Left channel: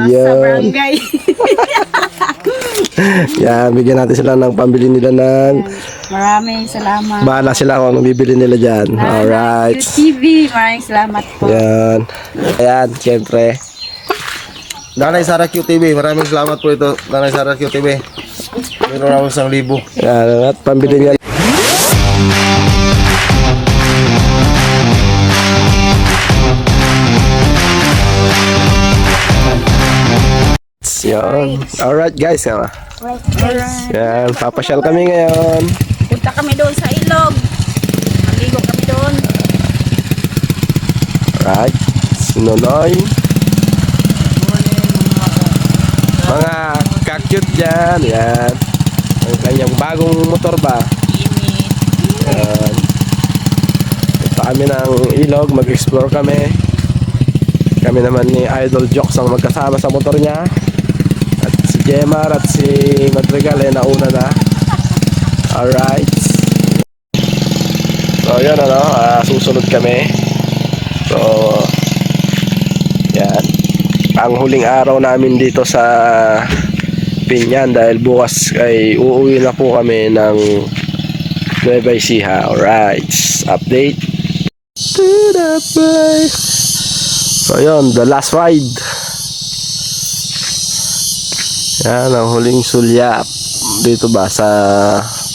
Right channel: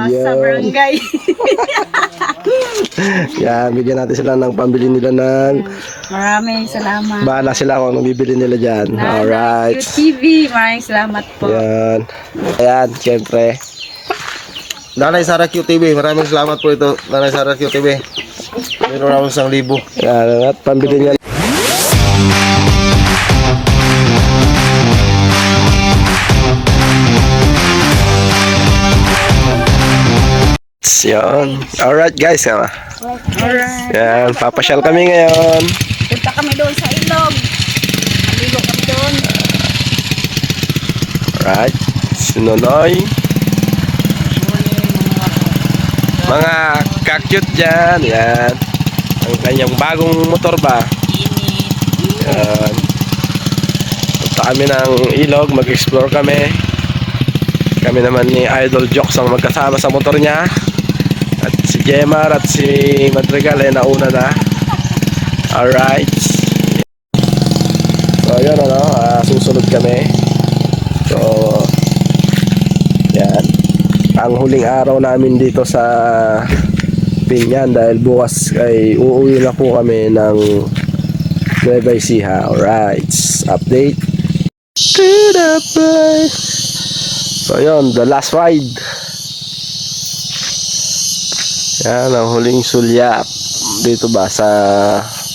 sa barangay. Yan, bigyan natin sila ng pambili nila ng... Maraming salamat. Bahala sila kung anong bibili nila dyan. Alright. TV, maraming salamat po. Yan. Ayan, syempre. Nanay Sara QTV, maraming salamat po ito. Nanay Sara QTV. Meron ako 1,000. Yan, at pambili niya. Yan. Alright guys. Yan, papasyal kami ngayon. Punta kami doon sa ilog. Maligo kami doon. Alright. Sinunoy. Mga kakyut dyan. Yan. Ang kanyang bagong motor ba? Yan. Punta kami ng ilog. Mag-explore kami. Kami naman ni Idol Jokes ang magkasama sa motor niya. At si Jemar at si Madrigal nauna na. Alright. So yun susunod kami. So yan. Ang huling araw namin dito sa Pinyan dahil bukas ay uuwi na po kami ng Nueva Ecija. Alright. Update. So yun, the last ride. Yan ang huling sulyap dito ba sa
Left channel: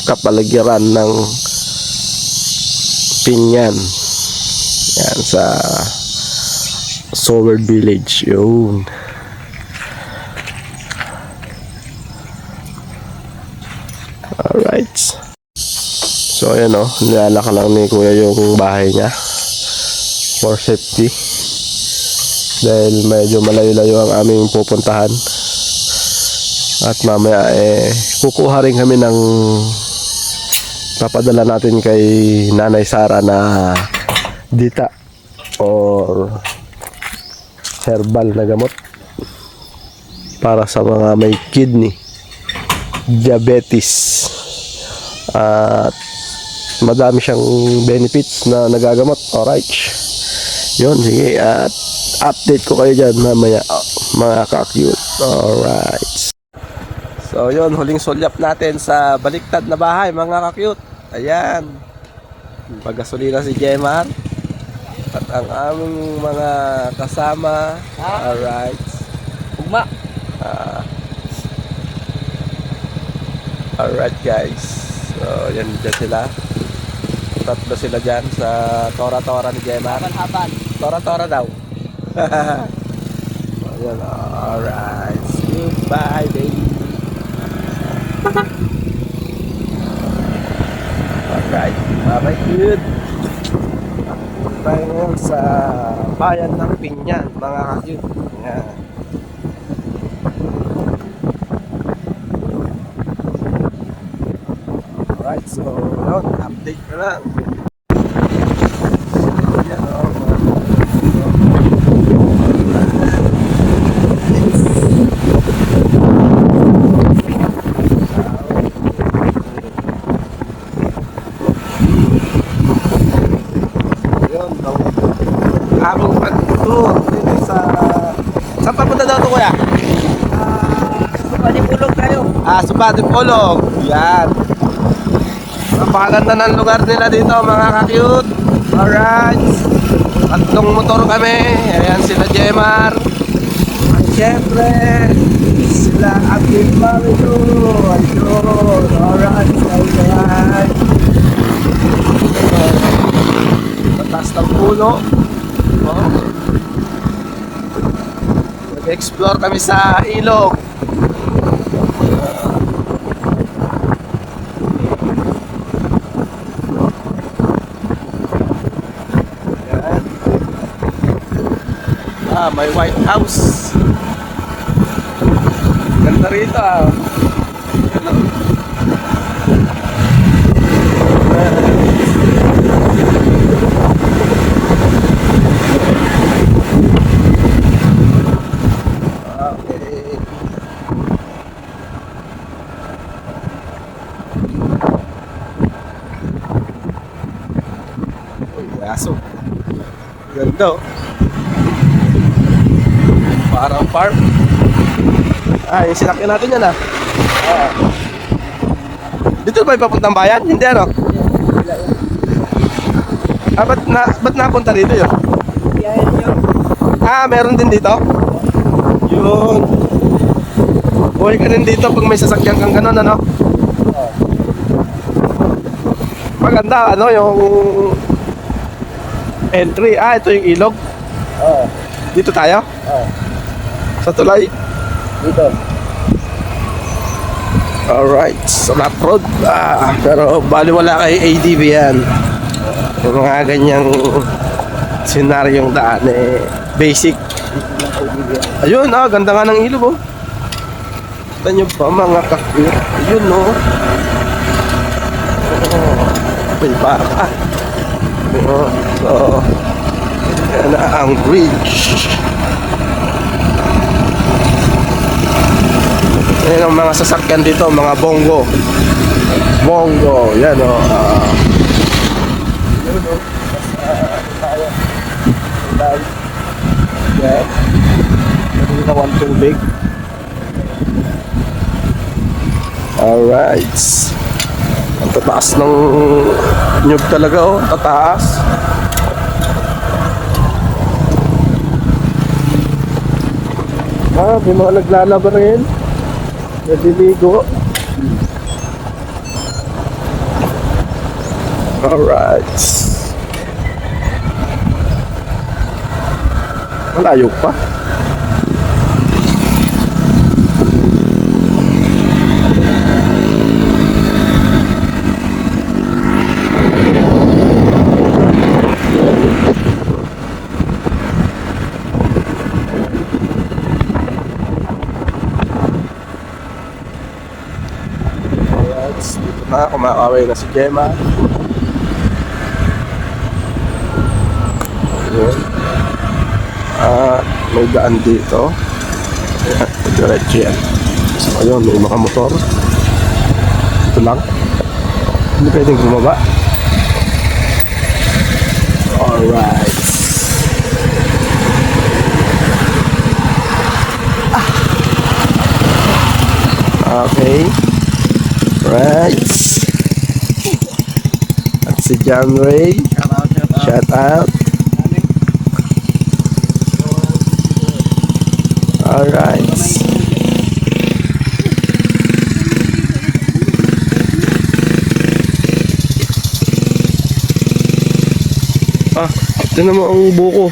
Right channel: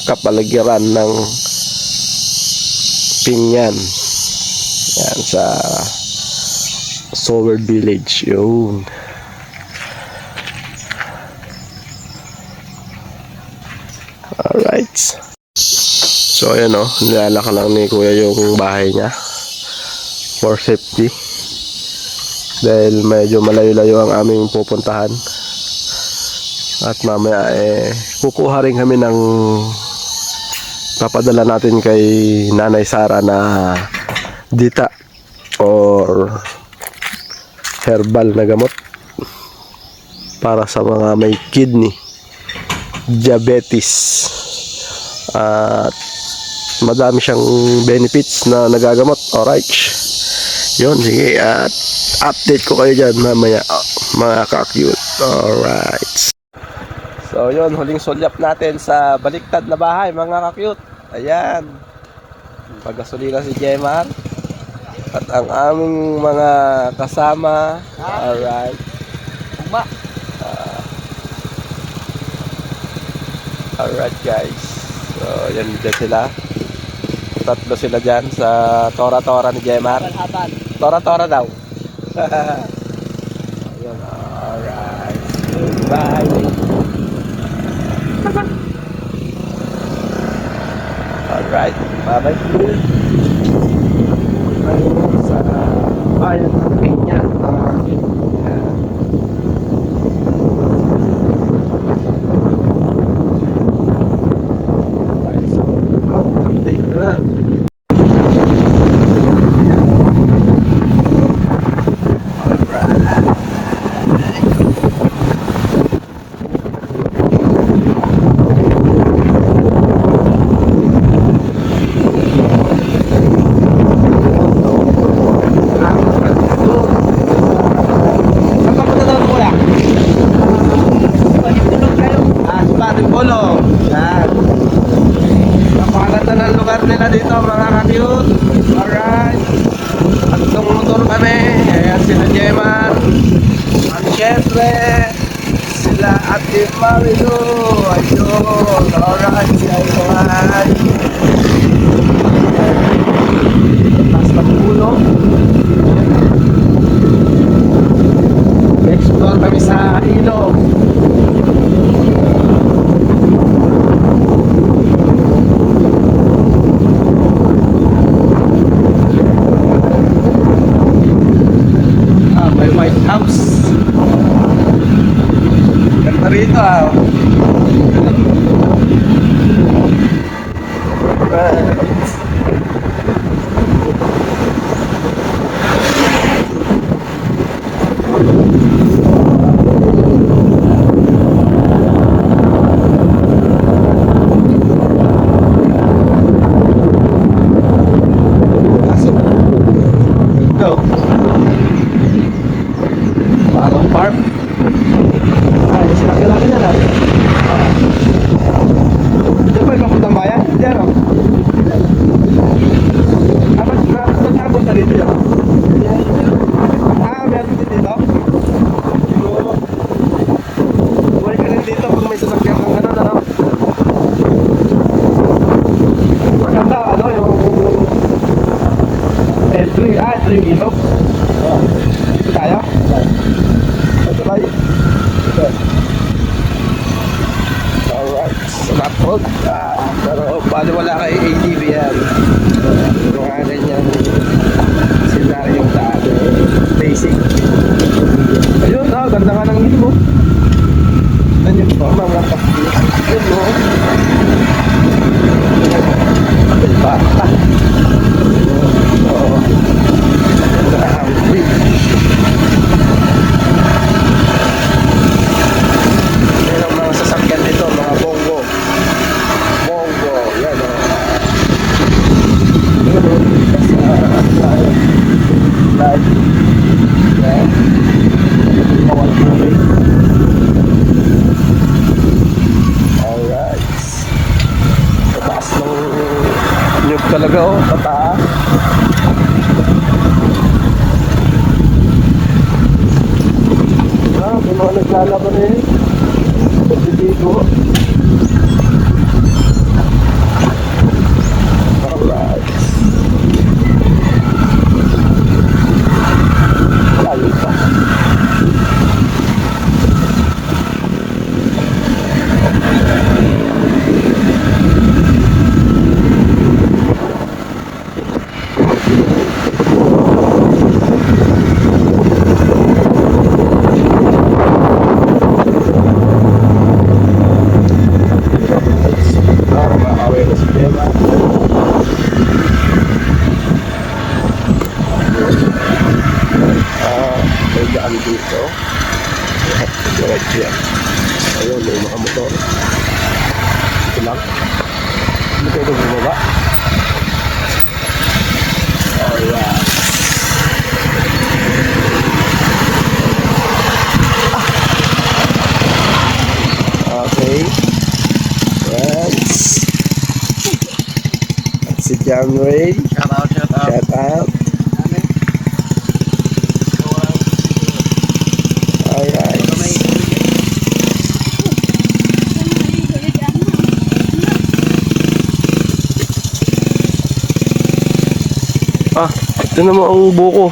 kapaligiran ng Pinyan. Yan sa Soward Village. Yun. Alright. So ayan nilalaka lang ni kuya yung bahay niya for safety dahil medyo malayo-layo ang aming pupuntahan. At mamaya kukuha rin kami ng papadala natin kay Nanay Sara na dita or herbal na gamot para sa mga may kidney, diabetes, at madami siyang benefits na nagagamot. Alright, yun, sige, at update ko kayo dyan mamaya mga ka-cute. Alright. So yun, huling sulyap natin sa baliktad na bahay mga ka-cute. Ayan, paggasolina si Jemar at ang aming mga kasama. Alright. Alright guys. So yan dyan sila. Tatlo sila dyan sa tora-tora ni Jemar. Tora-tora daw. Ayan, alright. Goodbye lady. Alright, bye-bye good. Tayo sa bayan ng Pinyan, mga kakit. Alright, so update na lang. Subating Polo. Yan. Napakaganda ng lugar nila dito mga ka-cute. Alright. Tatlong motor kami. Ayan sila Jemar. At syempre sila Ate Marilu. Ayun. Alright. Ay. Taas ng puno. Explore kami sa ilog. May White House. Ganda rito Ganda. Parang farm. Ay, sinakyan natin dyan ah. Dito ba ipapuntang bayan? Hindi ano? Ah, ba't napunta dito yun? Ah, meron din dito? Yun. Buhay ka din dito pag may sasakyan kang gano'n, ano? Maganda, ano, yung entry. Ah, ito yung ilog. Dito tayo? Sa tulay? Dito. Alright, sa lap road. Pero baliwala kay ADV yan. Yung mga ganyang senaryong daan eh, basic. Ayun, ganda nga ng ilog, oh. Kita nyo pa mga kakit. Ayun, no. Ay pa. Yan ang bridge. Yan ang mga sasakyan dito, mga bongo. Bongo, yan o. Yun o. Tayo. Lag. Yan. Yung kawat tubig. Alright. Ang tataas ng nyug talaga o. Tataas. May mga naglalaban rin. Nagdiligo. Alright. Malayo pa. Kumakaway na si Gemma. May daan dito. Diretso yan. Ayun, may mga motor. Ito lang. Hindi pwedeng bumaba. Alright. Okay. Right. At si John Ray. Shout out. Alright. Ito naman ang buko.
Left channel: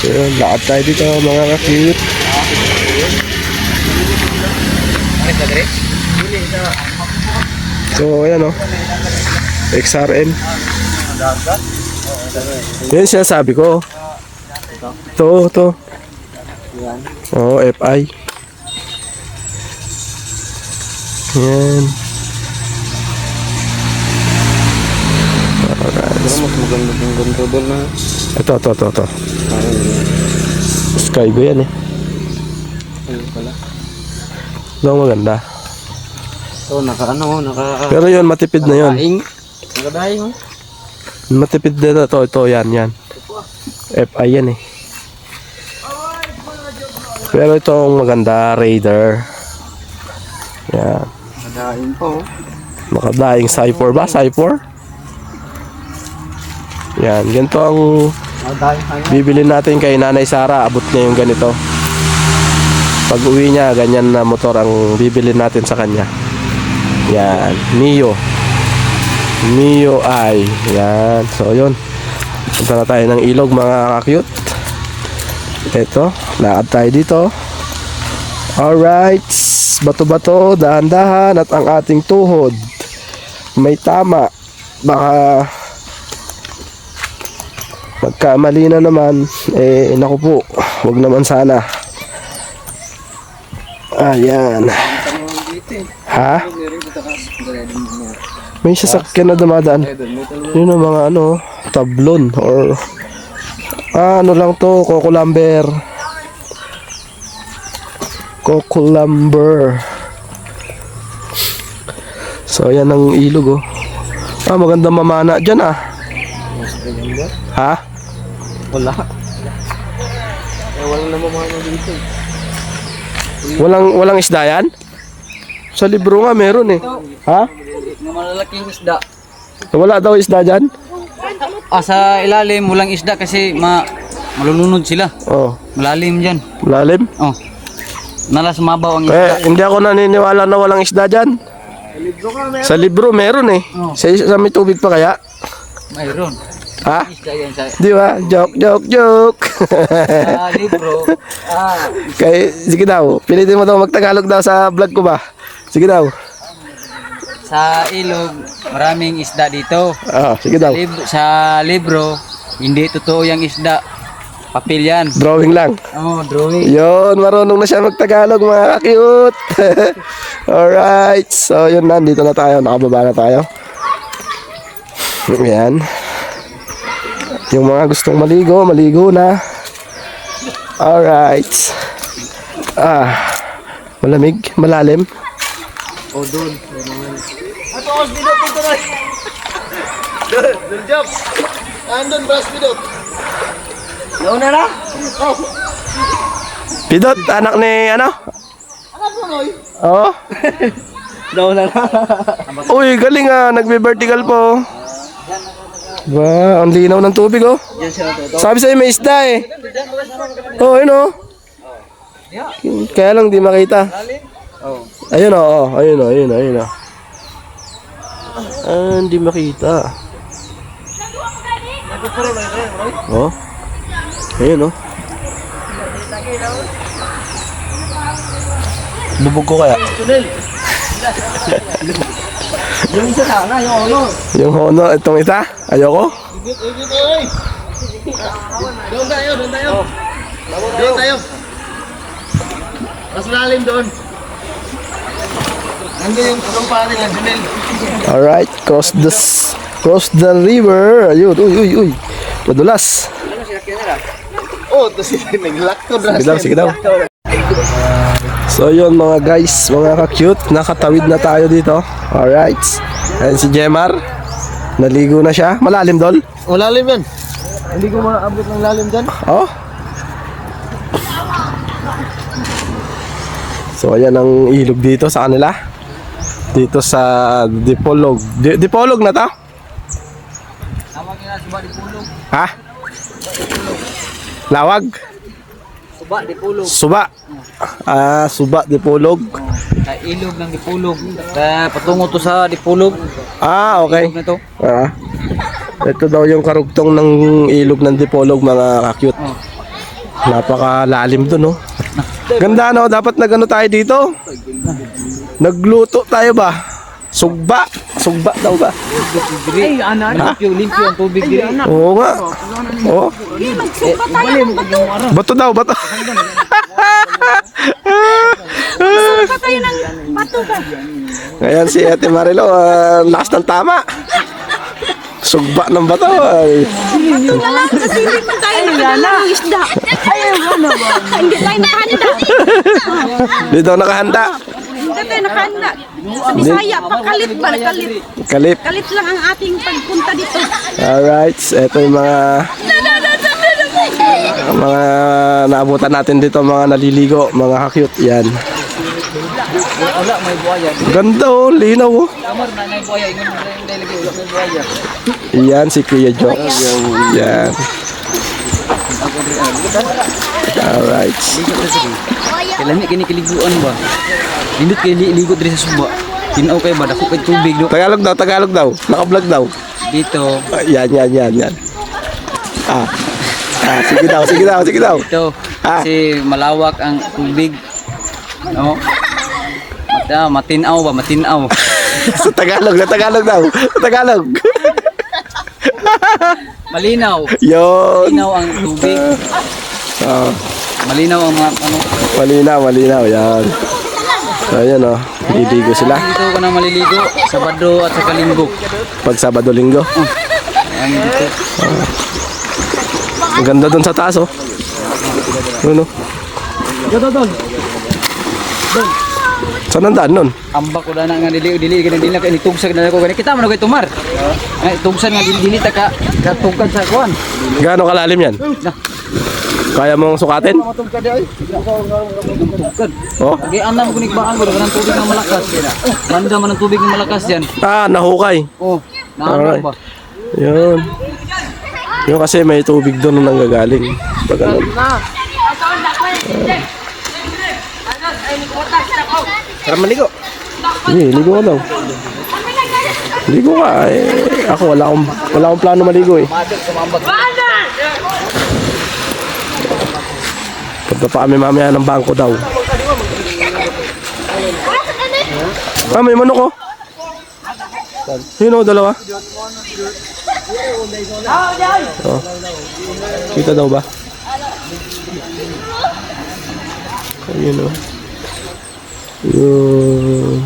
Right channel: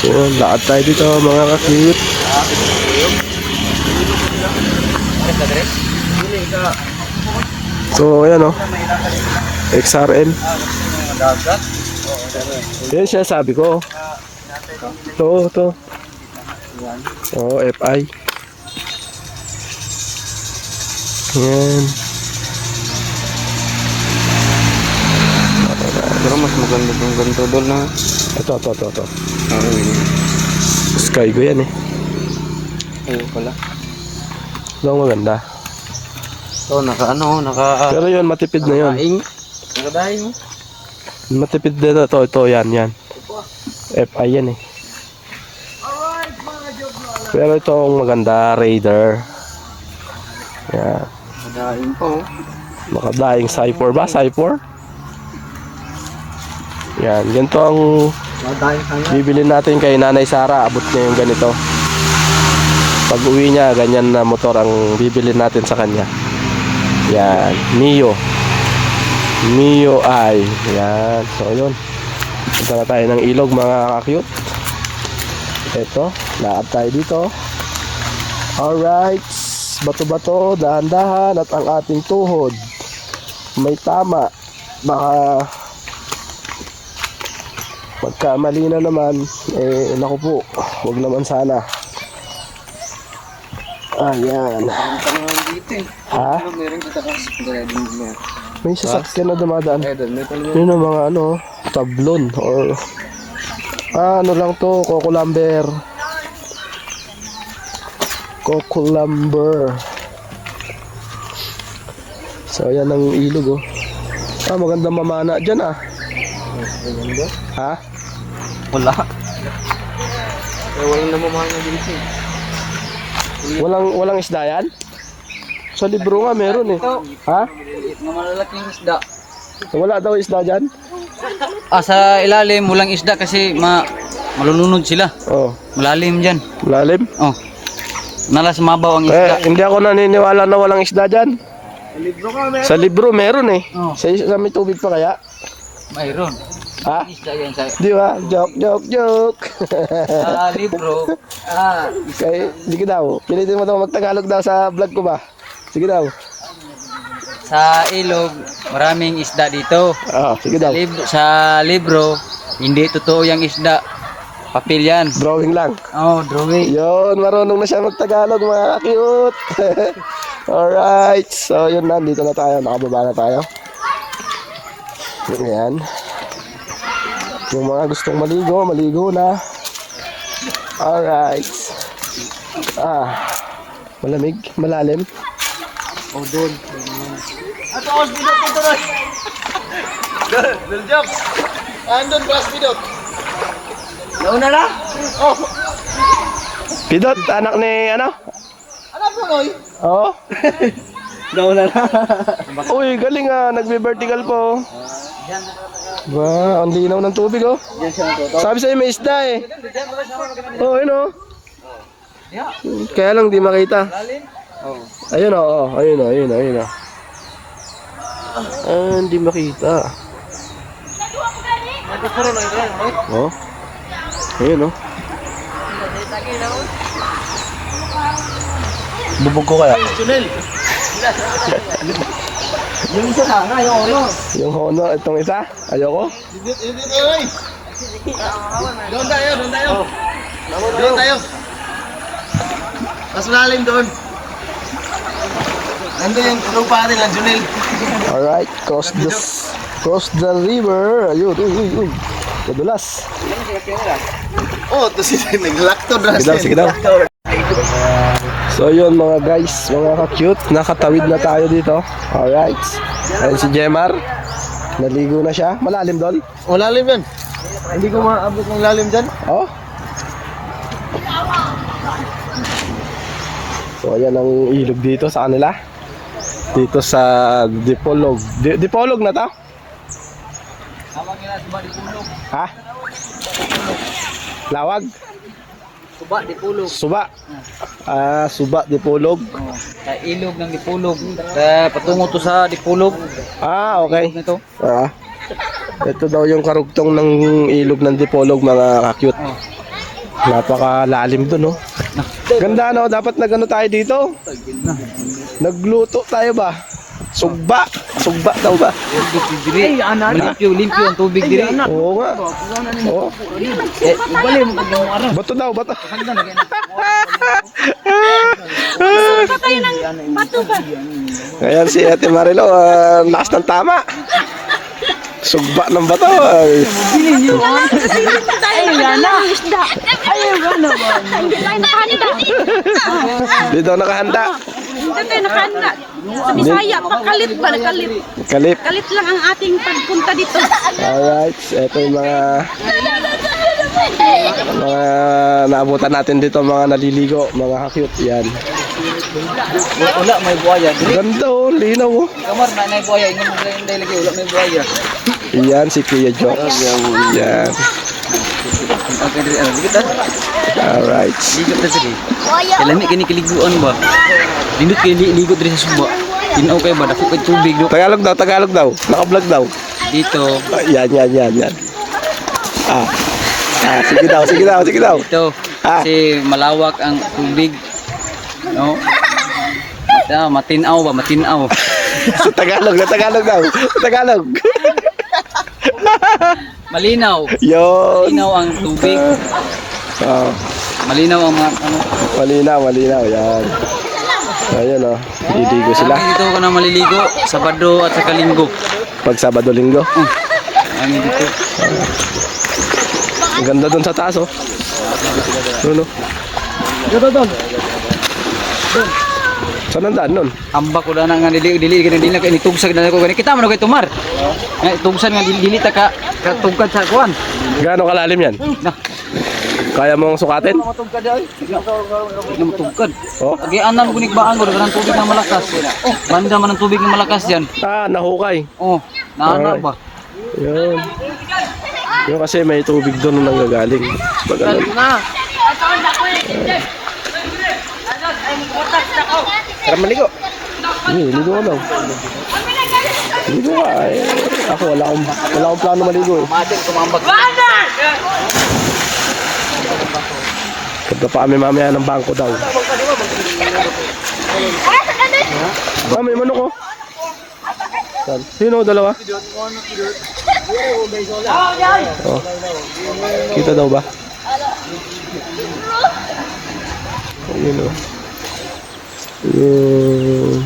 So, lakad tayo dito mga ka-cute. So, ayan o. XRN. Yan siya sabi ko. Ito. Oo, FI. Yan. Pero mas maganda yung ganito doon na. Ito. Skygo yan eh. Ayun pala. Ito maganda. So, naka. Pero yun, matipid na yun. Nakadaing. Matipid na ito. Yan. FI yan eh. Pero itong maganda, Raider. Yan. Nakadaing po. Nakadaing Cypher ba? Cypher? Yan. Ganito ang bibili natin kay Nanay Sara. Abot na yung ganito. Pag uwi niya, ganyan na motor ang bibili natin sa kanya. Yan. Mio I. Yan. So, yun. Punta na tayo ng ilog mga ka-cute. Ito. Lakad tayo dito. Alright. Bato-bato. Dahan-dahan. At ang ating tuhod. May tama. Baka magkamali na naman. Naku po. Huwag naman sana. Ayan. Ha? May sasakyan na dumadaan. Yun ang mga tablon or ano lang to, Coco-Lumber. So ayan ang ilog oh. Magandang mamana dyan ah. Ha? Wala. Walang isda yan? Sa libro nga meron eh. Ha? Mga malalaking isda. Wala daw isda dyan? Sa ilalim, walang isda kasi malulunod sila. Oh, Malalim dyan. malalim. Oh. Nalas mabaw ang Kaya isda. hindi ako naniniwala na walang isda dyan. Sa libro meron eh. Oh. Sa may tubig pa kaya? Mayroon. Ha? Isda yan sa Di ba? Joke. libro. Kaya, sige daw. Pilitin mo daw magtagalog daw sa vlog ko ba? Sige daw. Sa ilog, maraming isda dito. Sige daw. Sa libro, hindi totoo yung isda. Papel yan. Drawing lang. Oh, drawing. Yun, marunong na siya magtagalog mga cute. Alright. So, yun na. Dito na tayo. Nakababa na tayo. Ayan. Yung mga gustong maligo, maligo na. Alright. Malamig, malalim. Oh, doon. Dul job. Andun bras bidot. Nauna na? Pidot, anak ni ano? Anak mo noy. Oo. Nauna na. Uy, galing nagbe-vertical po. Wow, ang linaw ng tubig oh. Yan siya natuto. Sabi sa'yo may isda eh. Oh, ayun oh. Kaya lang di makita. Oh. Ayun oh, ayun oh. Hindi makita. Oh. Ayun oh. Bubog ko kaya. Yung isa na, yung ono. Yung hono, itong isa. Ayoko. Doon tayo. Doon tayo. Mas lalim doon. Nandun yung lupa nila, Junel. Alright, cross the river. Ayun, uy. Madulas. Oh, ito sila naglakto na. Sige daw. So yun mga guys, mga ka-cute, nakatawid na tayo dito. Alright. Ayan si Jemar. Naligo na siya. Malalim dol. Oh, lalim yan. Hindi ko maabot ng lalim dyan. Oh. So ayan ang ilog dito sa kanila. Dito sa Dipolog. Dipolog na to? Tawag nila suba di pulog. Ha? Lawag? Suba di pulog. Suba. Suba Dipolog. Oh. Ilog ng dipulog. Patungo to sa dipulog. Okay. Ilog na to. Ito daw yung karugtong ng ilog ng Dipolog mga ka-cute. Napakalalim dun, no? Ganda, no? Dapat nagano tayo dito. Nagluto tayo ba? Sugba. Sugba daw ba? Diri. Limpyo ang tubig diri. Oo nga. Oo. Bato daw, bato. Pa tayo ng bato ba? Ayan si Ate Marilo, lakas ng tama. Sugba ng bato. Bato na lang kasi hindi pa tayo ng isda. Hindi tayo nakahanda. Di daw nakahanda. Hindi tayo nakahanda. Sa Bisaya, pakalit ba? Nakalit. Kalit. Kalit lang ang ating pagpunta dito. Alright, ito yung mga naabutan natin dito, mga naliligo, mga ka-cute. Yan. Wala may buhaya. Ganda oh, linaw oh. Kamar na may buhaya. Hindi lagi wala may buhaya. Yan si Kuya Jokes. Yan. Alright. Ligo na sige. Kailan kini kiliguan ba? Hindi kiligo diri sa suba. Tinaw kay ba dako kay tubig do. Tagalog daw. Naka-vlog daw. Dito. Yan. Sige daw. Dito. Kasi malawak ang tubig. No? Matinaw ba? Matinaw. Sa Tagalog daw. Sa Tagalog. Malinaw. Yun. Malinaw ang tubig. Malinaw ang mga ano. Malinaw. Yan. So, ayan oh. Liligo sila. Dito ko na maliligo. Sabado at saka linggo. Pag Sabado, Linggo. Ang dito. Ang ganda doon sa taas oh. Ano? Saan ang daan nun? Ambak ko na nga dili na kay nitugsan na ko gani. Kita mo na kay tumar. Ay tugsan nga dili ta ka tugkan sa kuan. Gaano kalalim yan? Na. Kaya mong sukatin? Tugkad. Oh? Agian na mo kunikbaan ko dagan tubig na malakas. Banda man ang tubig na malakas diyan. Ah, nahukay. Oh, naano ba? Yun. Yun kasi may tubig doon na nanggagaling. Pag ano. Tara maligo. Sige, ligo ka daw. Ligo ka. Eh, ako wala akong plano maligo eh. Punta pa kami mamaya ng bangko daw. Ah, may manok oh. Yun oh, dalawa. Oh. Kita daw ba? Ayun oh. Yun.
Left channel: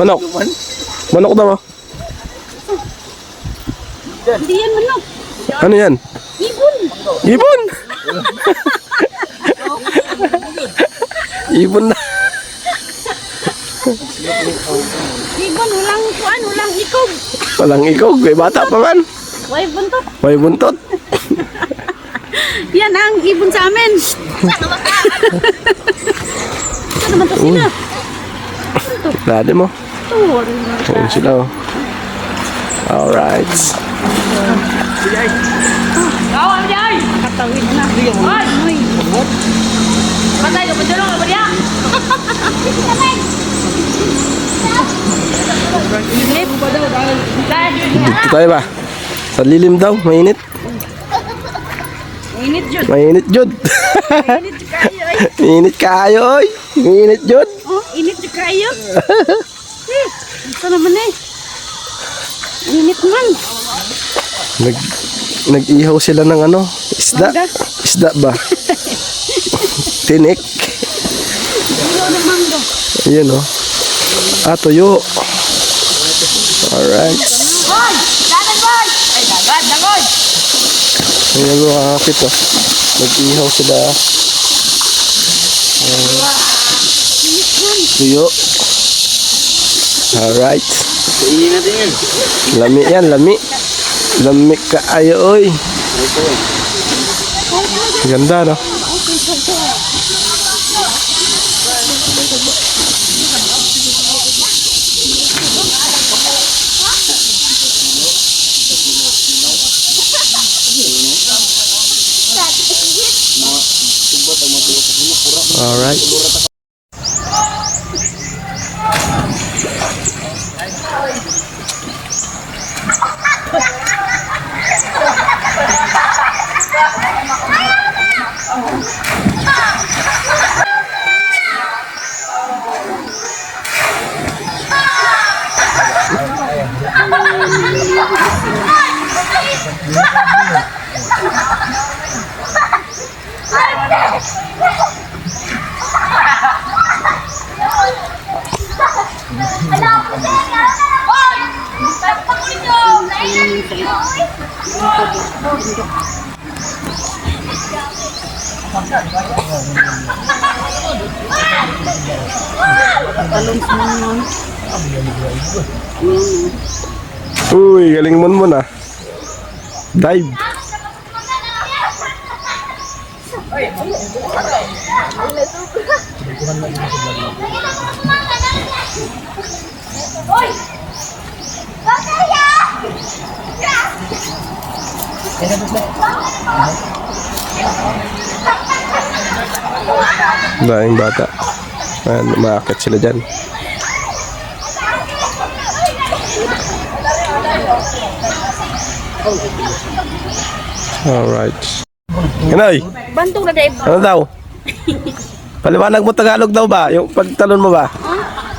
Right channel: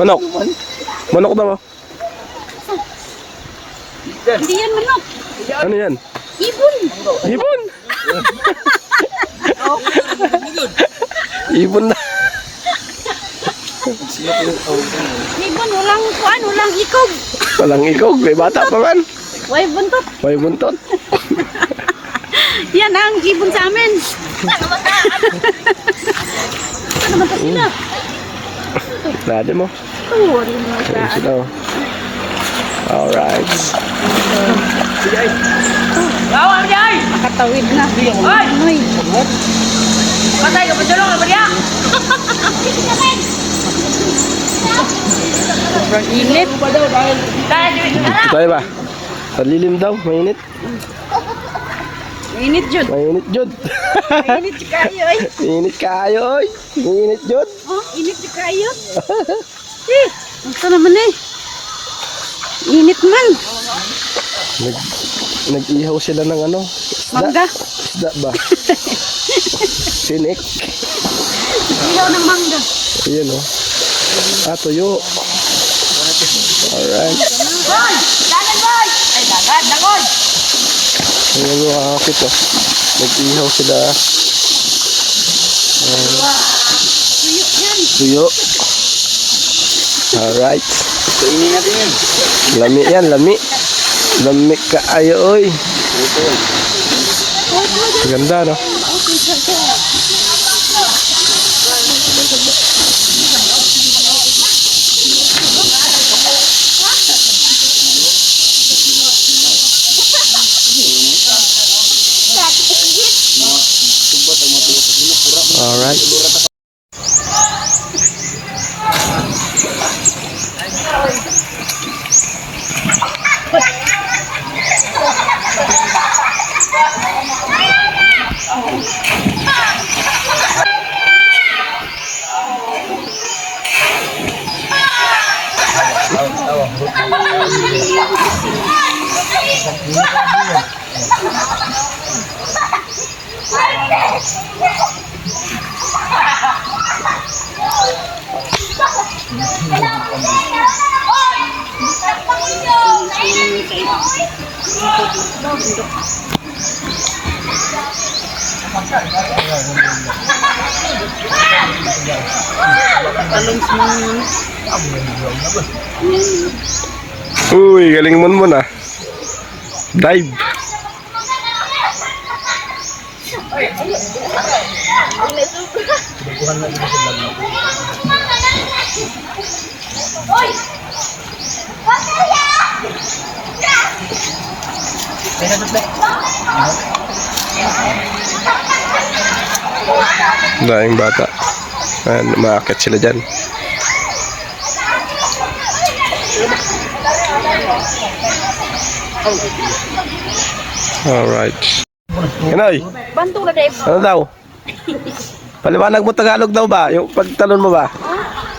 Manok. Manok daw oh. Hindi yan manok. Ano yan? Ibon. Ibon! Ibon na. Ibon, walang kuan, walang ikog. Walang ikog. May bata pa man. Way buntot. May buntot. Yan ang ibon sa amin. Sana mata. Sana mata sila. Dati mo. Tuwa rin mata. Ayun sila oh. Alright. Nakatawid na. Ay! Patay ka pa dyan lang, Maria! Init. Dito tayo ba? Sa lilim daw. Mainit. Init dyan. Mainit jud. Init kayo ay. Mainit kayo oy. Mainit jud. Init kayo. Eh, ito naman eh. Init man. Nag-ihaw sila ng ano? Isda. Mangga. Isda ba? Tinik. Ilaw ng mangga. Ayan oh. Ah, tuyo. Alright. Hoy! Dagat boy! Ay, dagat, dagoy! Ayan mga kakapit oh. Nag-ihaw sila. Tuyo. Alright. Kainin natin yan. Lami yan, lami. Lami ka ayo oy. Ganda no? Alright. Uy, galing mo na. Dive. Daing bata. Ayan, umaakit sila dyan. Alright. Anoy? Bantong na Dave. Ano daw? Paliwanag mo Tagalog daw ba? Yung pagtalon mo ba?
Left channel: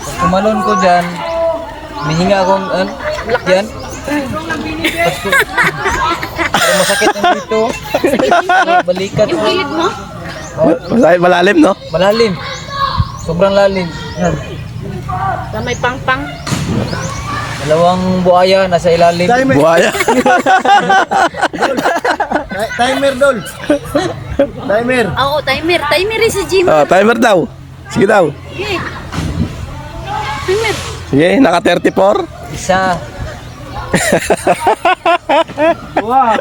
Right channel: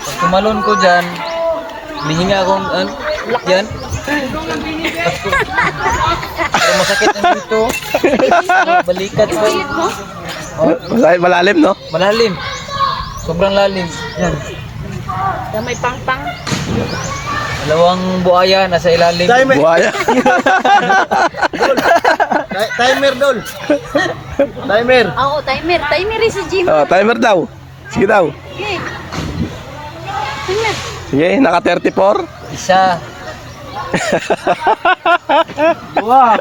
Pag tumalon ko dyan, mihinga akong dyan. Pero masakit ang dito. Balikat ko. Malalim, no? Malalim. Sobrang lalim. Yan. May pang-pang. Dalawang buhaya nasa ilalim. Buhaya. Timer dol. Timer. Oo, timer. Timer is sa gym. Oh, timer daw. Sige daw. Okay. Timer. Sige, naka 34. Isa. Dua.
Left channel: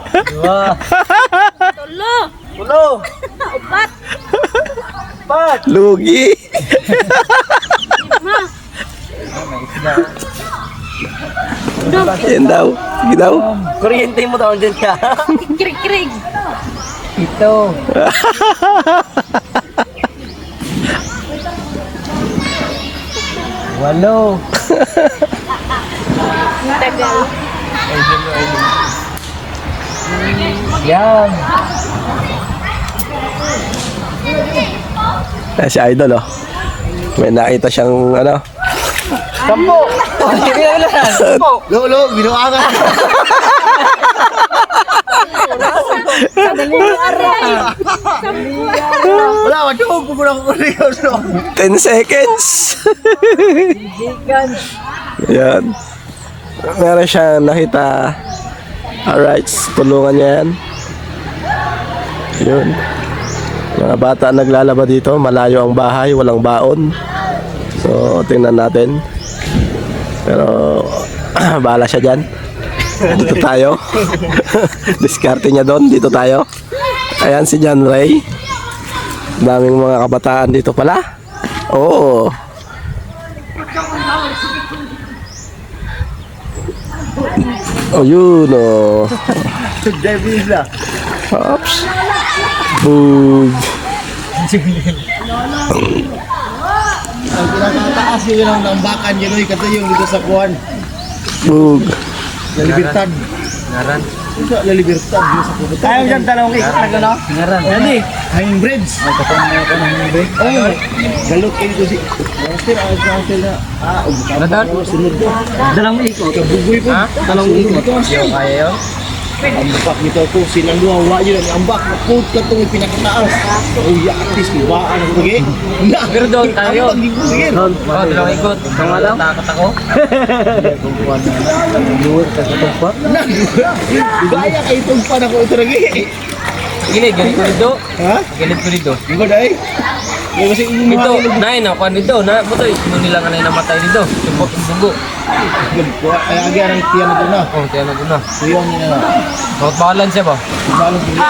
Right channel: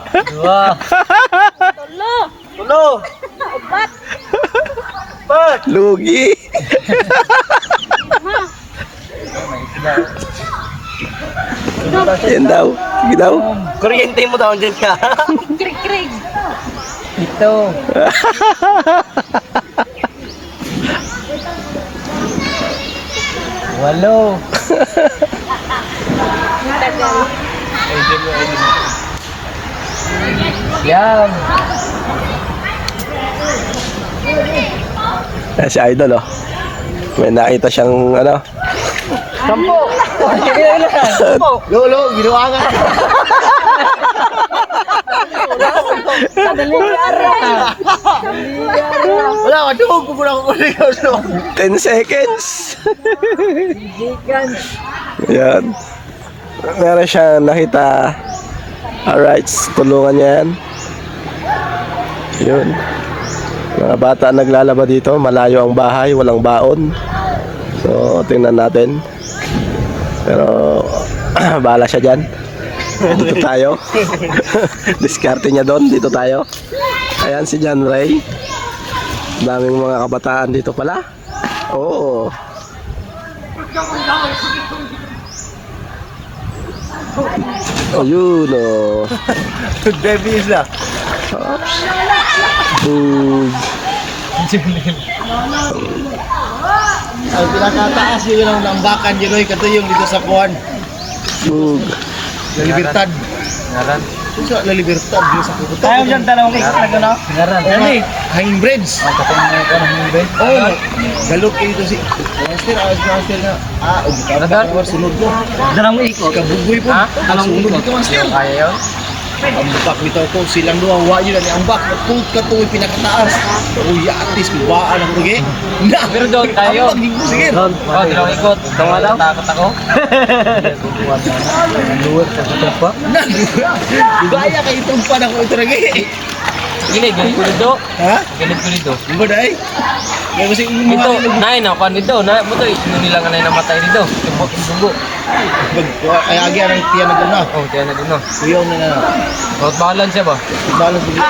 Tulo. Lugi. Yan daw. Sige daw. Kuryente mo daw dyan ka. Krik-krik. Ito. Walo. Yan. Si Idol oh. May nakita siyang ano. Sampo. Lo, ginawa ka. Wala, matulog ko muna ko 10 seconds. Yan. Meron siyang nakita. Alright, tulungan niya yan. Yun. Mga bata naglalaba dito. Malayo ang bahay, walang baon. So, tingnan natin. Pero, bahala siya dyan. Dito tayo. Diskarte niya doon. Dito tayo. Ayan si John Ray. Daming mga kabataan dito pala. Oo. Oh, yun oh. Oops. Boom. Ang pinakataas yun ang lambakan yun kasi yung dito sa kuwan. Boom. Libertad. Ngaran. Sa Libertad dito sa kuwan. Ayaw dyan talong kay ano? Ngaran. Ano? Hanging bridge. Hanging bridge. Oh, galot ito si. Master, master na. Radar? Sunod na. Dalang mo iko. Kabugoy pa. Ha? Dalang iko. Yo, kaya yun? Ang bakak nito ko silang duwa wa yun ang ambak put ka to pinakataas. Oh ya artist mo wa ang pugi. Na Pero doon tayo. Sige. Oh, dalawang ikot. Dalawa takot ako. Gaya kay tumpan ako ito lagi. Gini, galit ko dito. Ha? Galit ko dito. Ibo dai. Ya masih Ito, nain ako dito. Na, mo to, nila nga na namatay dito. Tubok yung dugo. kaya agi ang tiyan mo na. Oh, tiyan na doon na. Tuyong na na. Rot balance siya ba? Ibalog dito.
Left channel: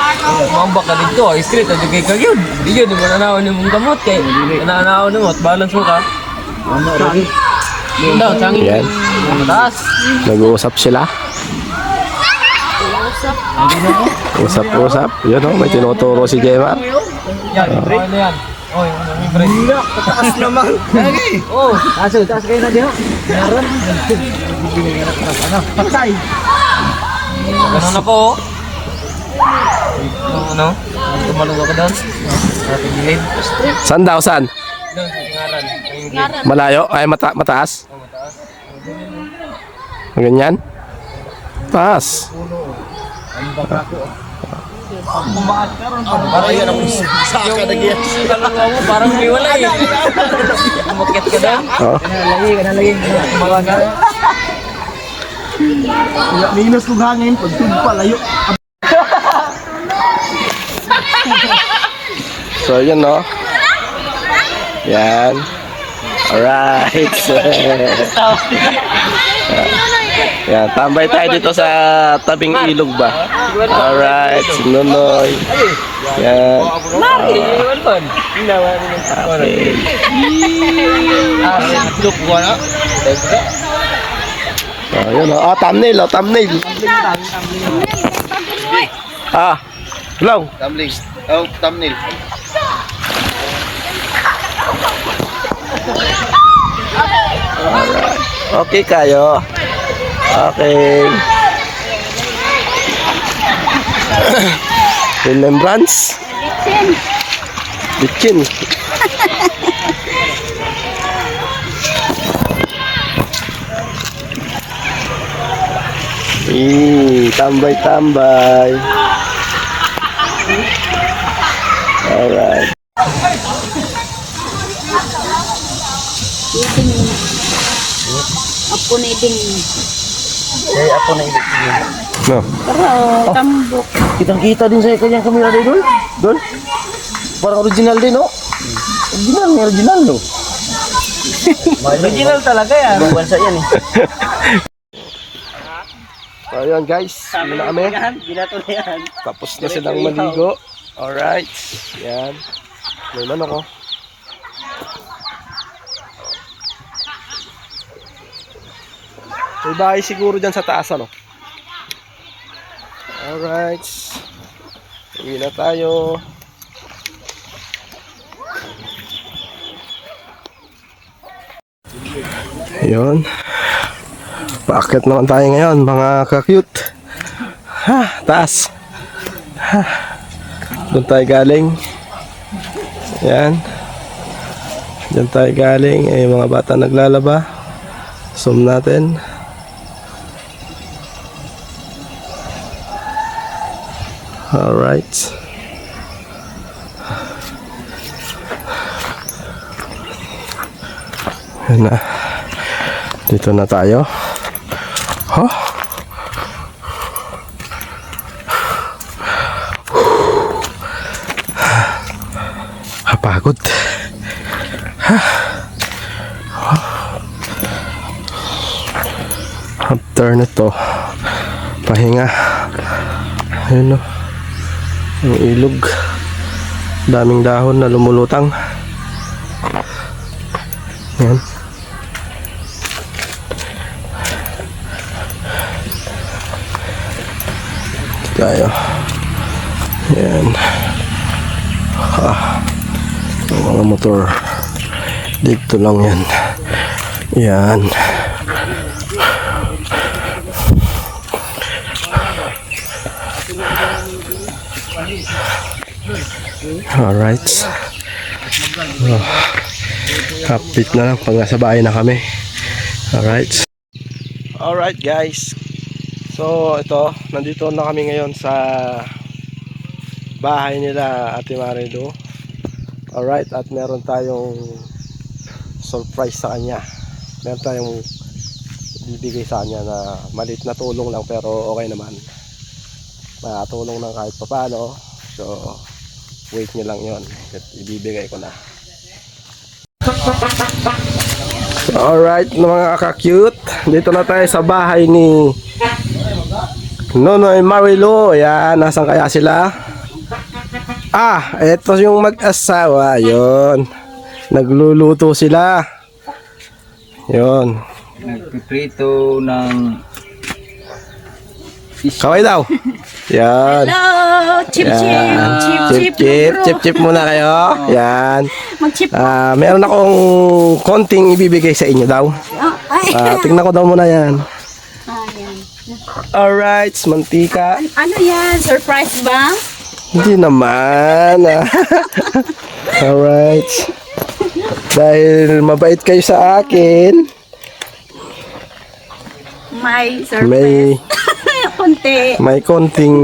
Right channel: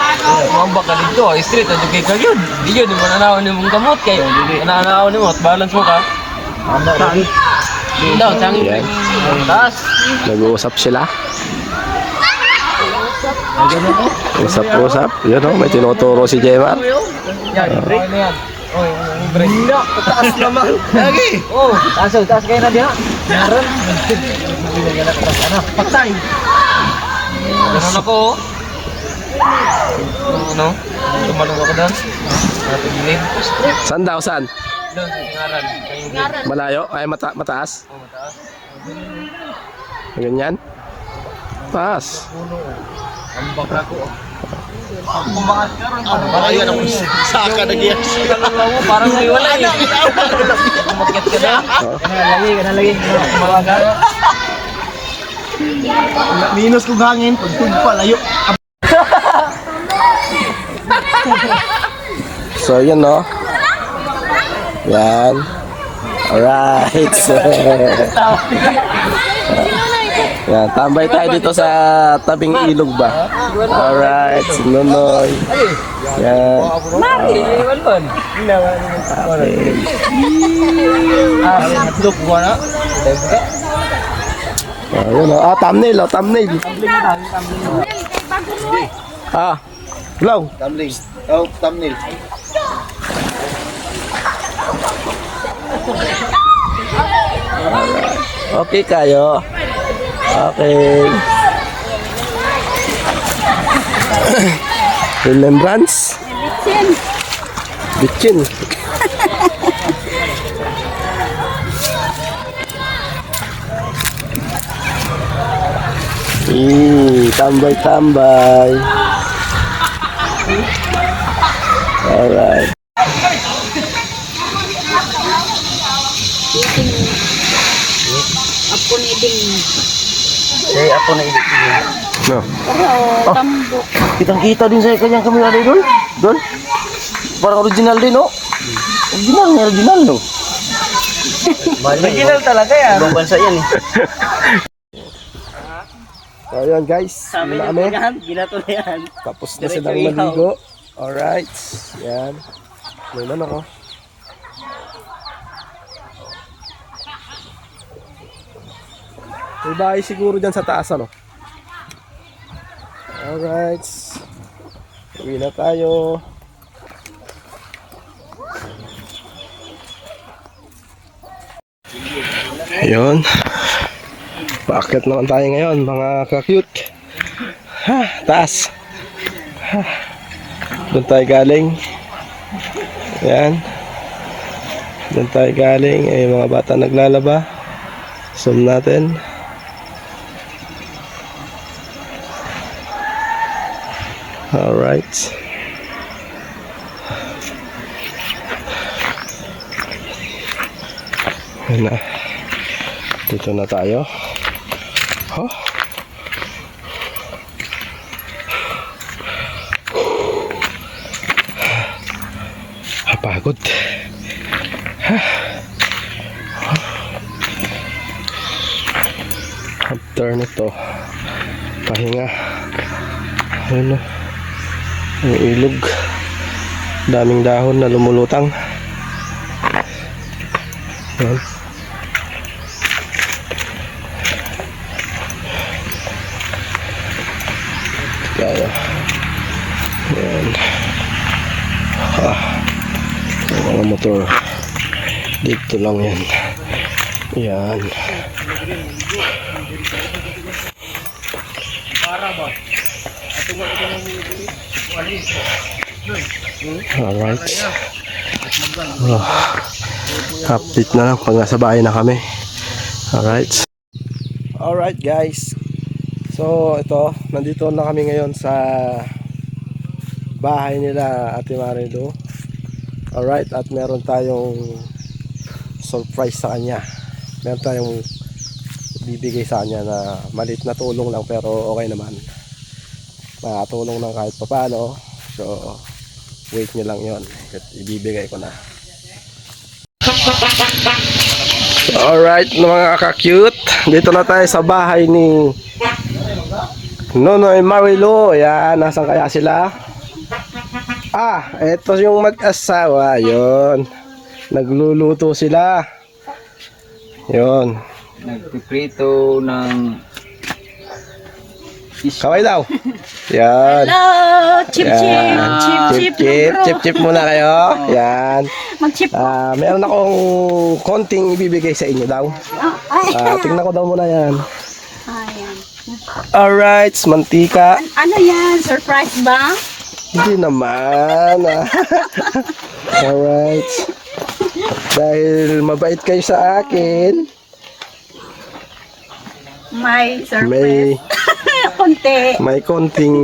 Mambak ka dito, street, at yung kay kagyod. Di yun, yung mananaw ni mong gamot kay. Mananaw ni mo, at balance mo ka. Ano lagi? Yun daw, tangin Yan. kay. Mataas. Nag-uusap sila. Usap-usap. Yun oh, may tinuturo si Jemar. Yan, break na yan. Oh, yung break. Hina, pataas naman. Lagi. Oh, taas kayo na dyan. Meron. Hindi na katas. Ano? Patay. Ganun ako. Ano? Tumalong ako doon. Ating gilid. Saan daw, saan? Doon, sa tingaran. Malayo? Ay, mataas? Oh, mataas. Ganyan? Taas. Kumakas ka ron. Ayan ang saka na giyan. Kaluluwa mo, parang may wala eh. Umakyat ka doon. Oh. Kanalagi. Kumalaga. Minus ng hangin, pagtumpa layo. So, yan no. Yan. Alright. Yan, tambay tayo dito sa tabing ilog ba? Alright, si Nonoy. Yan. Okay. Look, wala. Oh, yun oh. Oh, thumbnail, oh, thumbnail. Ah, hello. Thumbnail. Oh, thumbnail. Okay kayo. Okay. Remembrance? Bikin. Tambay-tambay. Alright. Ako na iting. No. Tambok. Kitang-kita din sa kanyang kamera doon. Doon. Parang original din, no? Original, no? Original talaga yan. Buwan sa yan, eh. So ayun guys, yun na kami. Ginato na yan. Tapos na silang maligo. Alright. Yan. May manok oh. May bahay siguro dyan sa taas ano. Alright. Uwi na tayo. Ayun. Bakit naman tayo ngayon mga ka-cute? Ha, taas. Ha. Doon tayo galing. Ayan. Doon tayo galing. Ay mga bata naglalaba. Zoom natin. Alright. Ayan na. Dito na tayo. Huh? Kapagod. After nito, pahinga. Ayun o. Ang ilog. Daming dahon na lumulutang. Ayan. Tayo. Ayan. Ang mga motor. Dito lang yan. Ayan. Alright. Oh. Update na lang pag nasa bahay na kami. Alright. Alright guys. So ito, nandito na kami ngayon sa bahay nila Ate Marilu. Alright, at meron tayong surprise sa kanya. Meron tayong bibigay sa kanya na maliit na tulong lang pero okay naman. Makatulong ng kahit papano. So wait nyo lang yon, ibibigay ko na. So, alright mga ka-cute, dito na tayo sa bahay ni Nonoy Marilu. Ayan, nasan kaya sila? Ah, eto yung mag-asawa. Yun, nagluluto sila. Yun, Nagpiprito ng kaway daw. Yan. Hello! Chip, chip! Chip, chip! Chip, chip muna kayo. Yan. Mag-chip. Meron akong konting ibibigay sa inyo daw. Tingnan ko daw muna yan. Ayan. Alright, mantika. Ano yan? Surprise ba? Hindi naman. Alright. Dahil mabait kayo sa akin, May surprise. may Konti. may konting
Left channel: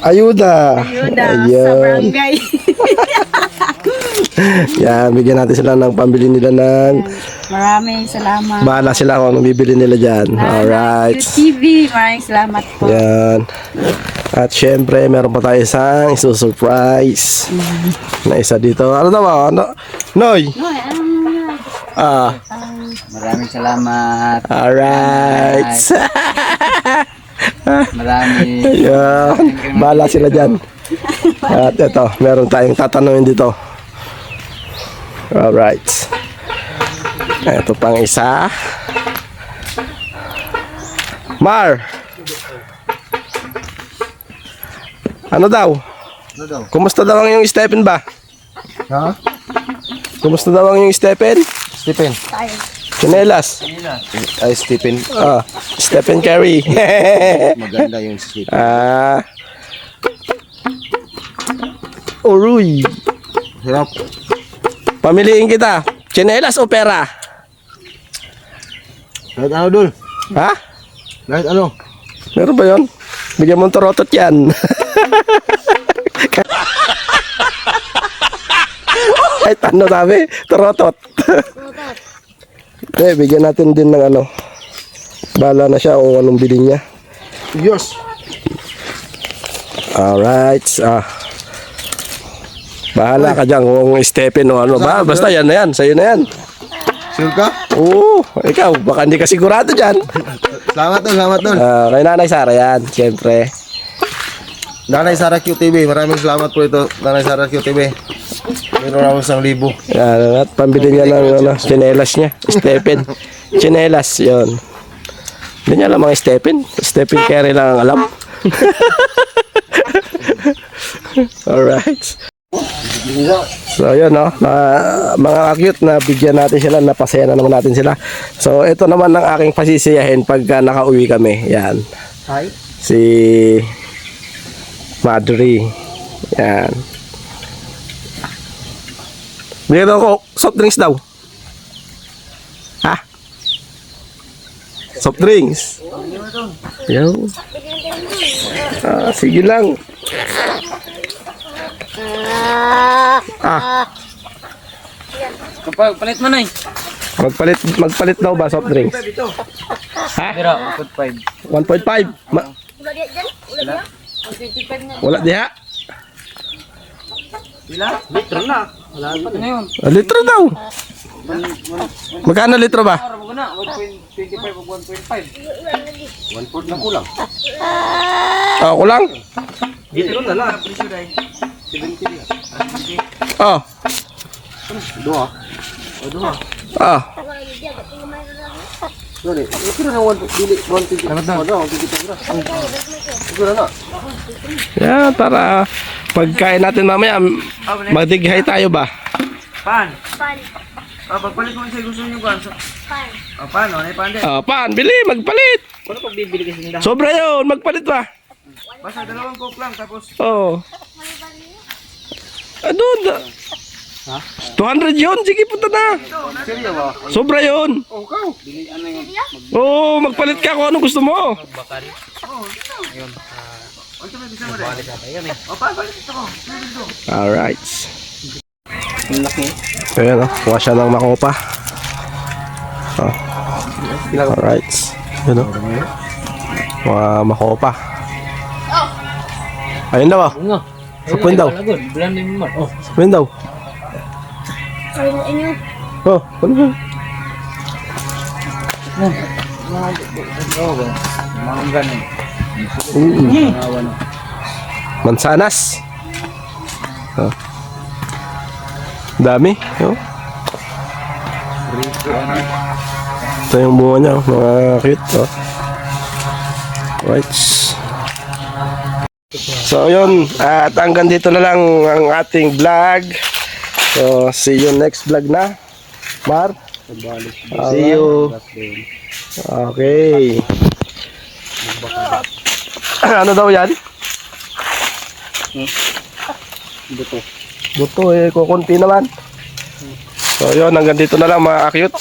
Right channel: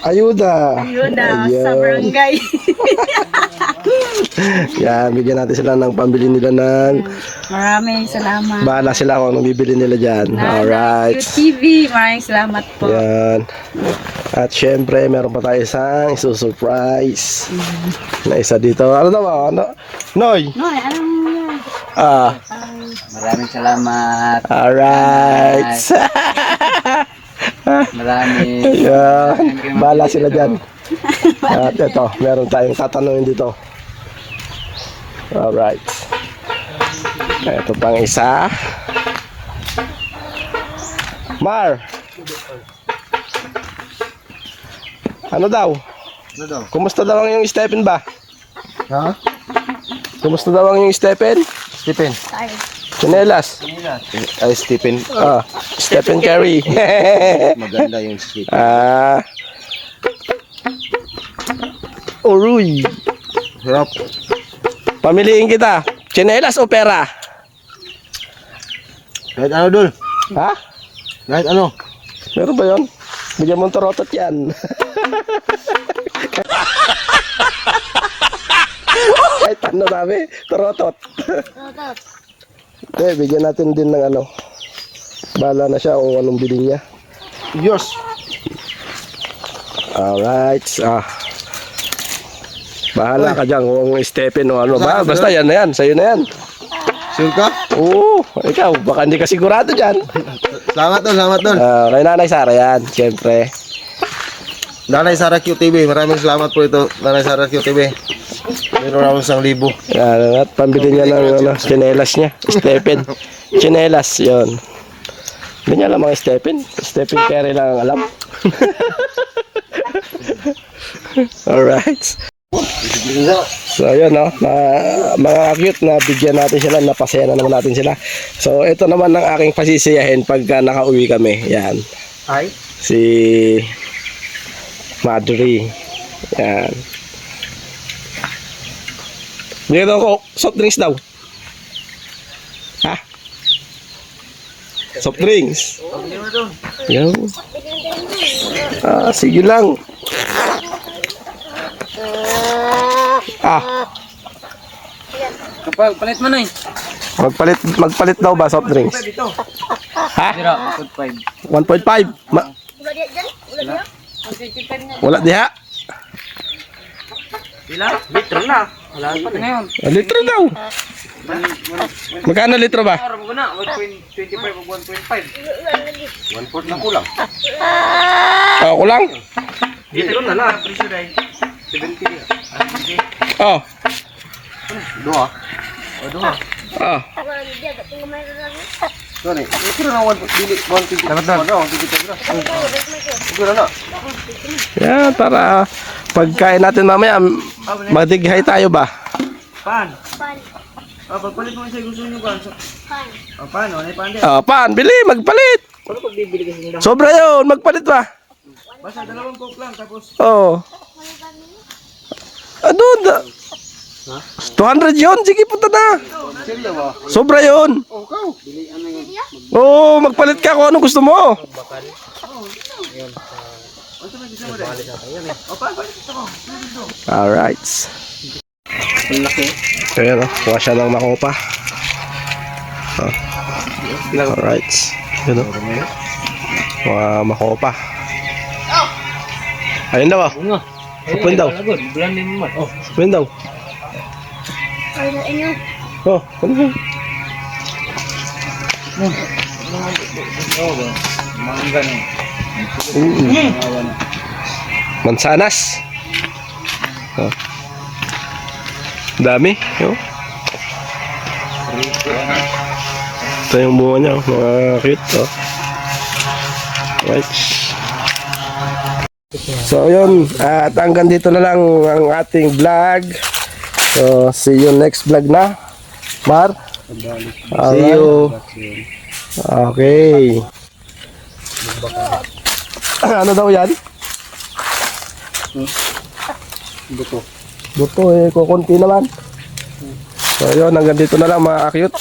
ayuda. Ayuda sa Ayan. barangay. Yan, bigyan natin sila ng pambili nila ng Maraming salamat. bahala sila kung anong bibili nila dyan. Alright. QTV, maraming salamat po. Yan. At syempre, meron pa tayo isang isusurprise na isa dito. Ano daw? Ano? Noy? No, anong yan? maraming salamat. Alright. Maraming Yan. Bahala sila dyan. At ito, meron tayong tatanungin dito. Alright. Ito pang isa. Mar! Ano daw? Ano daw? Kumusta daw ang iyong Stephen ba? Ha? Kumusta daw ang iyong Stephen? Stephen. Chinelas? Ay, Stephen. Stephen Curry. Maganda yung Stephen. Uruy. Hirap. Pamiliin kita. Chinelas o pera? Kahit ano dul? Ha? Kahit ano? Meron ba yun? Bigyan mo ng torotot yan. Kahit ano sabi? Torotot. Okay, bigyan natin din ng ano. Bahala na siya kung anong bilhin niya. Yes. Alright. Bahala ka dyan kung Stephen o ano. Basta yan na yan. Sa'yo na yan. Sure ka? Oo, ikaw, baka hindi ka sigurado dyan. Salamat tol, salamat tol. Kay Nanay Sara yan, siyempre. Nanay Sara QTV, maraming salamat po ito. Nanay Sara QTV. Meron ako 1,000. Yan, at pambili niya ng tsinelas niya. Stephen. Tsinelas, yun. Hindi niya alam mga Stephen. Stephen Curry lang ang alam. Alright. So yun no, mga cute na bigyan natin sila, napasaya na naman natin sila. So ito naman ang aking pasisiyahin pagka nakauwi kami. Yan. Ay. Si Madry. Yan. Bigyan ako soft drinks daw. Ha? Soft drinks. Yo. Sige lang. Kapag palit mo na eh. Magpalit daw ba soft drinks? Ha? Pero, 1.5. 1.5. Wala diha. Litro na. Wala pa na yun. Litro daw. Magkano litro ba? Araw mo na, 1.25 o 1.5. 1.4 lang kulang. Ako lang. Litro na lang. 70 na. Oh. Dua. Oh. Sorry, ito na 1.20. Salamat na. Yan, para pagkain natin mamaya, magdighay tayo ba? Pan. Pagpalit mo sa gusto nyo kan. Pan, ano pan din? Pan, bili, magpalit. Ano pag bibili kasi nila? Sobra yun, magpalit ba? Basta 2 coke lang tapos. Oh. Ano? 200 yun, sige punta na. Sobra yun. Oo, magpalit ka kung anong gusto mo. Alright. Ayan o, kuha siya ng makopa. Alright. Ayan o. Mga makopa. Ayun daw. Sapuin daw. Sapuin daw. Oh, ano ba? Mansanas. Oh. Dami. Oh. Ito yung bunga niya. Mga cute. Oh. Right. So yun. At hanggang dito na lang ang ating vlog. So see you next vlog na. Mar. See you. Okay. Ano daw yan? Buto. Buto eh, kukunti naman. So yun, hanggang dito na lang mga cute.